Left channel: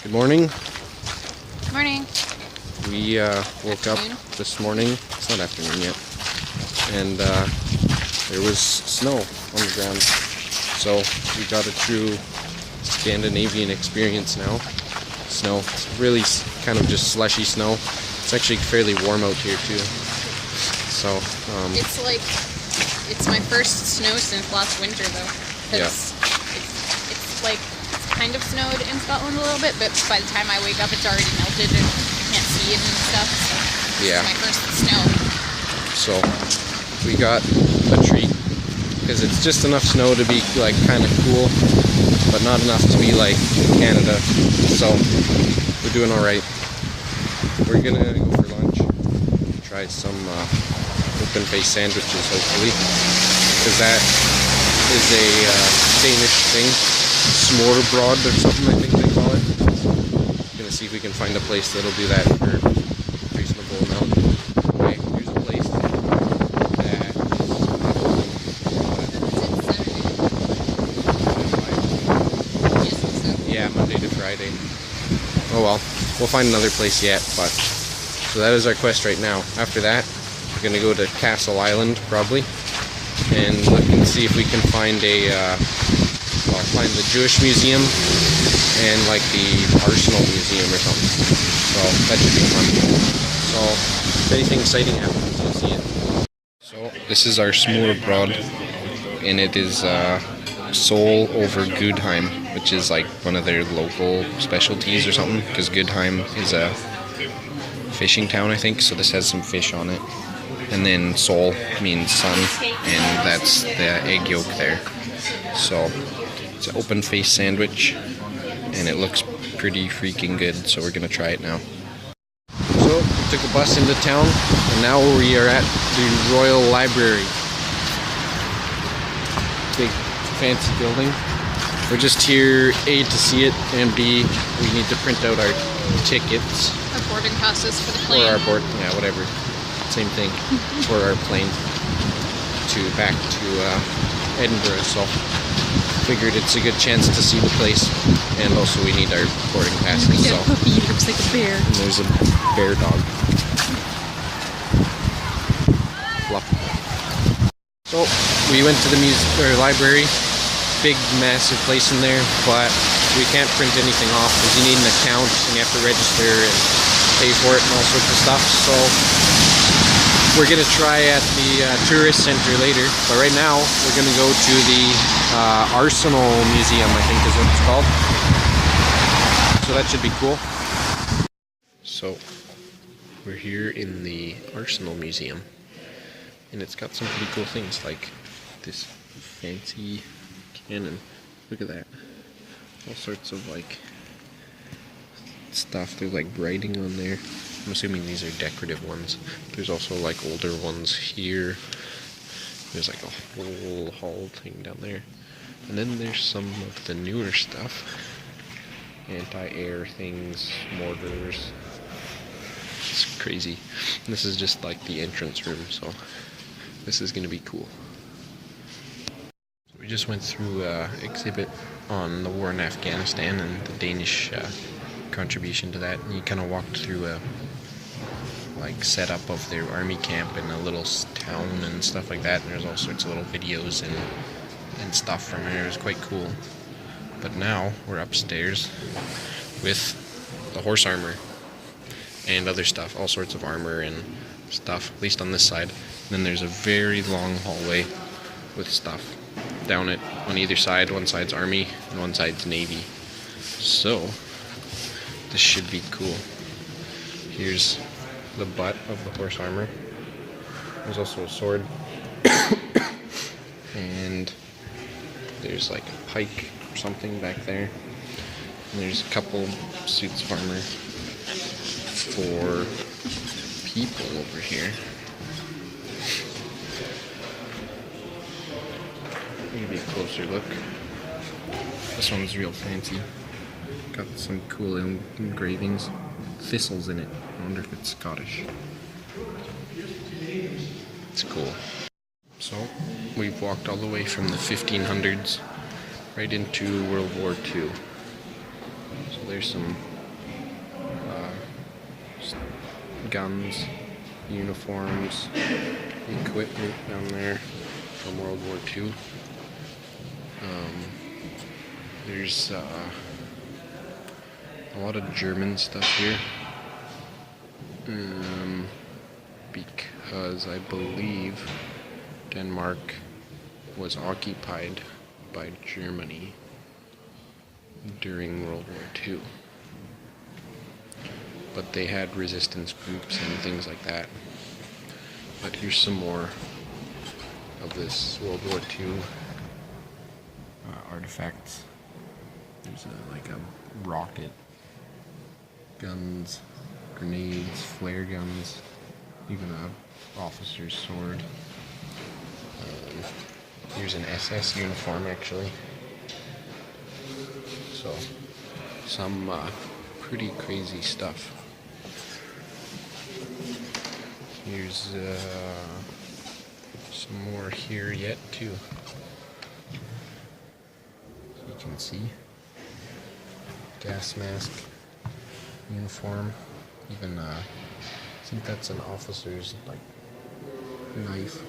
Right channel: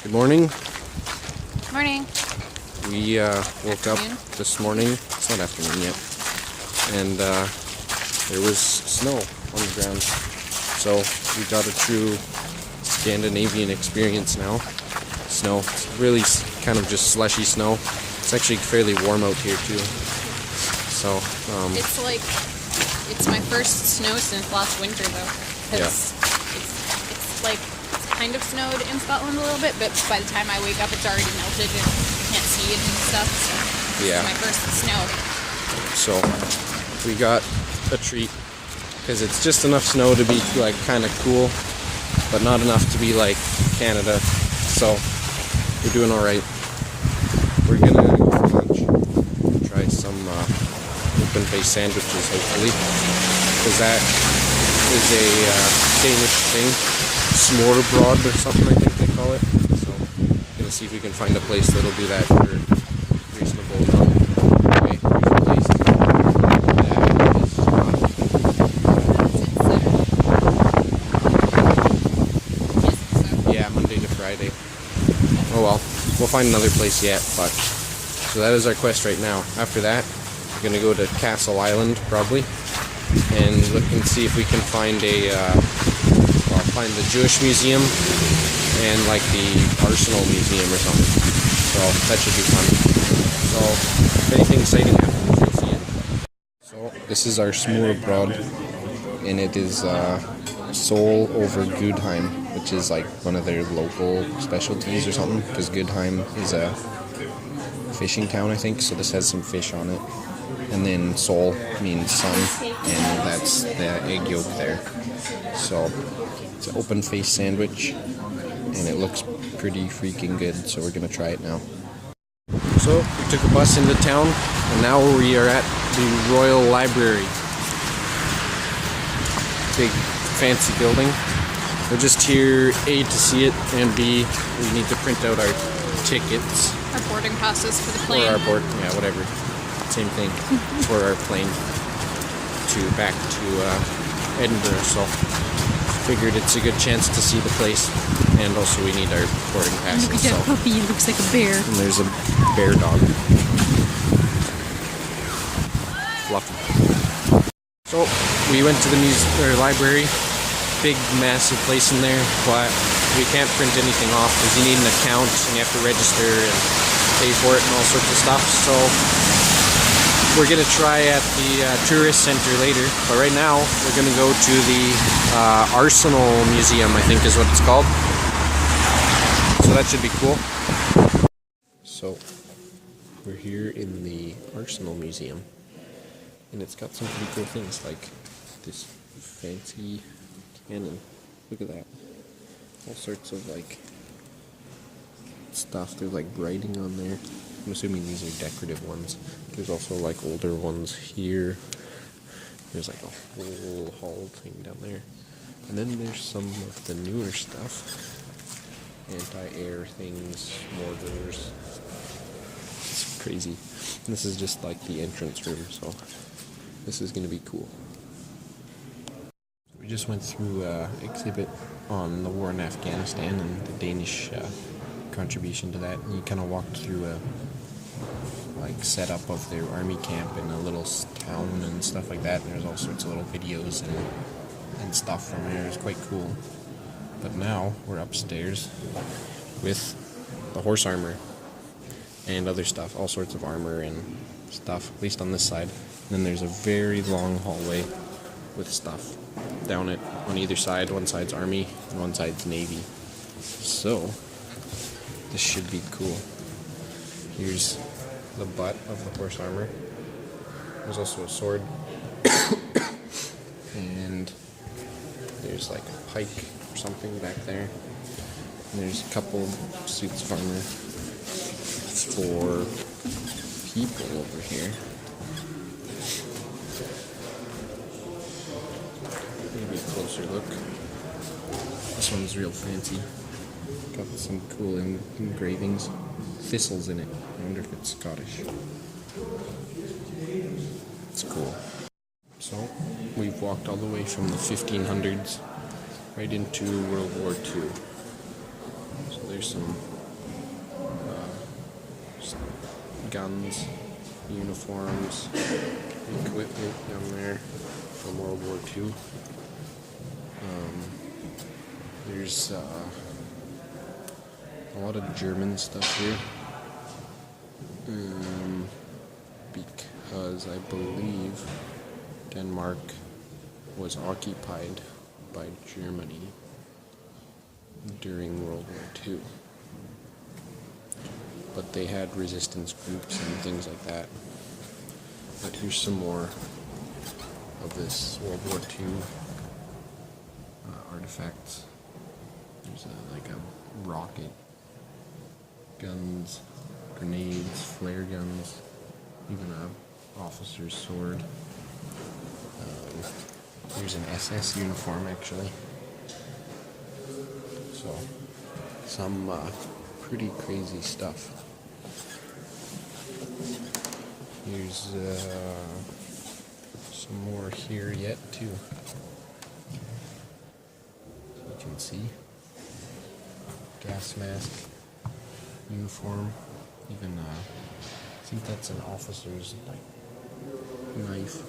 Good morning. Morning. We woke up this morning. It's not afternoon yet. And there was snow on the ground. So we got a true Scandinavian experience now. Snow. It's really kind of just slushy snow. It's actually fairly warm out here too. So it's my first snow since last winter though. Yeah. It's like kind of snowed in Scotland a little bit, but by the time I wake up it's already melted and you can't see it and stuff. So yeah. It's my first snow. So we got a treat because it's just enough snow to be like kind of cool, but not enough to be like Canada. So we're doing all right. We're gonna go for lunch, try some open-faced sandwiches, hopefully, because that is a Danish thing, smørrebrød or something I think they call it. So we're gonna see if we can find a place that'll do that for a reasonable amount. Okay, here's a place that is not yeah, Monday to Friday. Oh well, we'll find another place yet, but so that is our quest right now. After that, we're gonna go to Castle Island probably, and look and see if we can find a find the Jewish Museum and like the Arsenal Museum or something. So that should be fun. So if anything exciting happens, you'll see it. So this is our smørrebrød, and it is sole over Gudheim, which is like one of their local specialties or something, because Gudheim is a fishing town, I think, so this has some fish on it. And then sol means sun, and that's the egg yolk there. So it's an open-faced sandwich, and it looks pretty freaking good, so we're gonna try it now. So we took a bus into town, and now we are at the Royal Library. Big fancy building. We're just here, A, to see it, and B, we need to print out our tickets. Our boarding passes for the plane. Or our board, yeah, whatever. Same thing. For our plane back to Edinburgh, so figured it's a good chance to see the place, and also we need our boarding passes. We got a puppy, he looks like a bear. And there's a bear dog. Fluff. So we went to the library. Big, massive place in there, but we can't print anything off because you need an account and you have to register and pay for it and all sorts of stuff. So we're gonna try at the tourist center later, but right now we're gonna go to the Arsenal Museum, I think is what it's called. So that should be cool. So we're here in the Arsenal Museum, and it's got some pretty cool things like this fancy cannon. Look at that. All sorts of like stuff. There's like writing on there. I'm assuming these are decorative ones. There's also like older ones here. There's like a whole hall thing down there. And then there's some of the newer stuff. Anti-air things, mortars. It's crazy. And this is just like the entrance room, so this is gonna be cool. We just went through an exhibit on the war in Afghanistan and the Danish contribution to that. And you kind of walked through a setup of their army camp in a little town and stuff like that. And there's all sorts of little videos and stuff from it. It was quite cool. But now we're upstairs with the horse armor and other stuff, all sorts of armor and stuff, at least on this side. And then there's a very long hallway with stuff down it on either side. One side's army and one side's navy. So this should be cool. Here's the butt of the horse armor. There's also a sword. And there's like a pike or something back there. And there's a couple suits of armor for people over here. Maybe a closer look. This one's real fancy. Got some cool engravings. Thistles in it. I wonder if it's Scottish. It's cool. So, we've walked all the way from the 1500s right into World War II. So there's some guns, uniforms, equipment down there from World War II. There's a lot of German stuff here, because I believe Denmark was occupied by Germany during World War II. But they had resistance groups and things like that. But here's some more of this World War II artifacts. There's like a rocket, guns, grenades, flare guns, even an officer's sword. Here's an SS uniform actually. So, some pretty crazy stuff. Here's some more here yet too. So you can see gas mask, uniform, even I think that's an officer's like knife,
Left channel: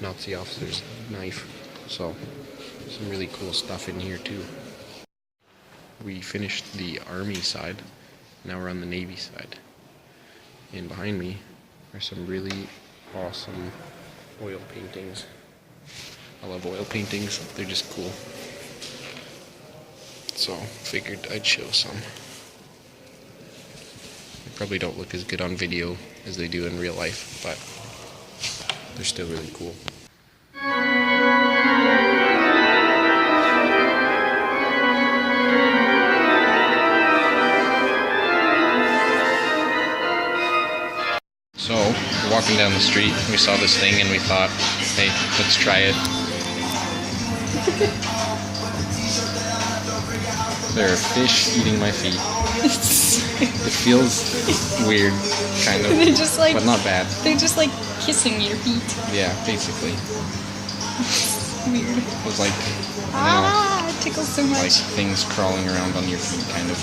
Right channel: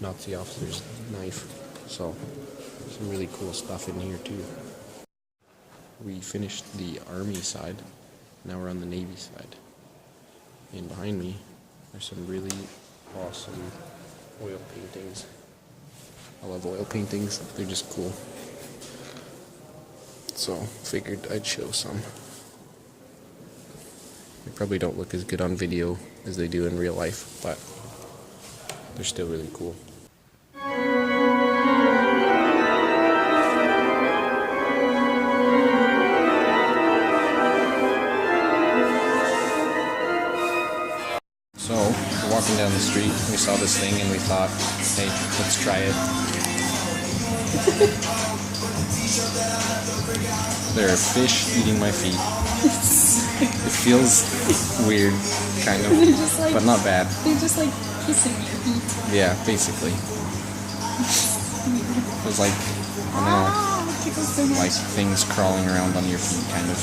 Nazi officer's knife. So some really cool stuff in here too. We finished the Army side, now we're on the Navy side. And behind me are some really awesome oil paintings. I love oil paintings, they're just cool. So figured I'd show some. They probably don't look as good on video as they do in real life, but they're still really cool. So, we're walking down the street, we saw this thing and we thought, hey, let's try it. There are fish eating my feet. It feels weird, kind of, like, but not bad. They're just like kissing your feet. Yeah, basically. Weird. It was like, I don't know, it tickles so much. like things crawling around on your feet, kind of.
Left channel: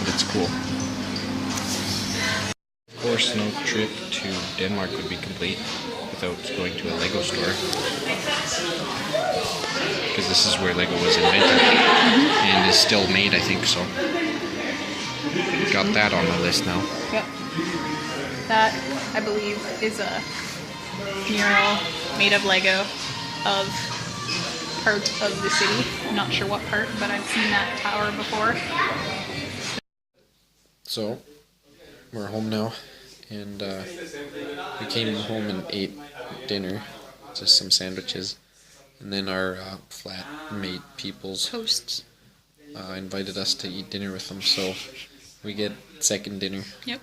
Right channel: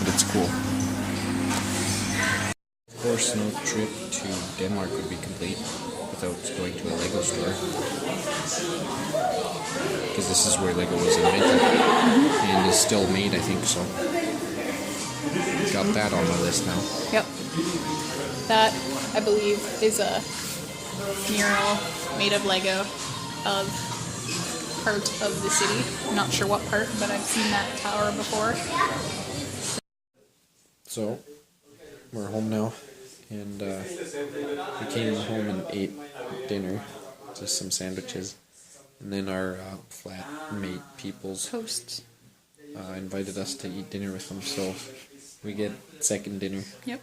But it's cool. Of course, no trip to Denmark would be complete without going to a Lego store. Because this is where Lego was invented. And is still made, I think, so. Got that on the list now. Yep. That, I believe, is a mural made of Lego of part of the city. I'm not sure what part, but I've seen that tower before. So, we're home now, and we came home and ate dinner, just some sandwiches, and then our flatmate peoples Hosts. Invited us to eat dinner with them, so we get second dinner. Yep.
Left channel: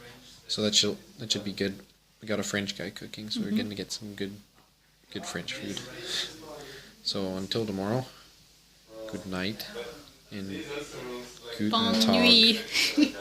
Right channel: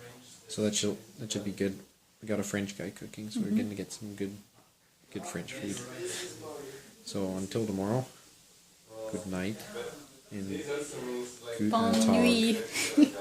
So that should be good. We got a French guy cooking, so we're going to get some good French food. So until tomorrow, good night and guten Bonne Tag. nuit.